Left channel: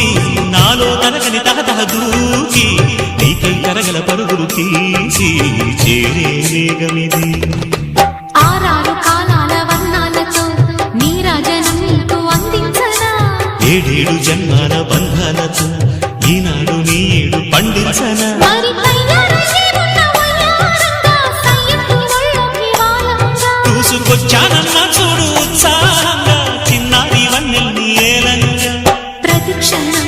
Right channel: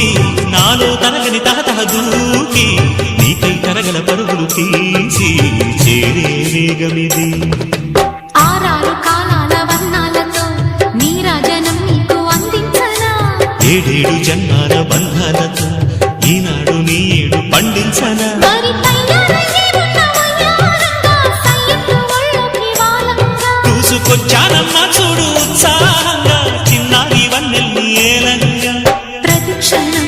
చూసి నాలో తరగని తహతహ దూకి నీకై తరగల పరుగులు తీసి చేరే వేగమిది. ఆరారు కాలాల వర్ణాలతో నీరాజనం నీకు అందించనా, ఏడేడు జన్మాల బంధాలతో ఈనాడు నీ ఏడు పండించనా. మరి తయారయ్యే ఉన్న వయ్యారంగా సయ్యత్తు ఒళ్ళోకి వాలంగా చూసుకొచ్చానమ్మా చూడు ఉత్సాహంగా చిన్నారి వన్నెల్ని ఏలంగా. ప్రతిక్షణం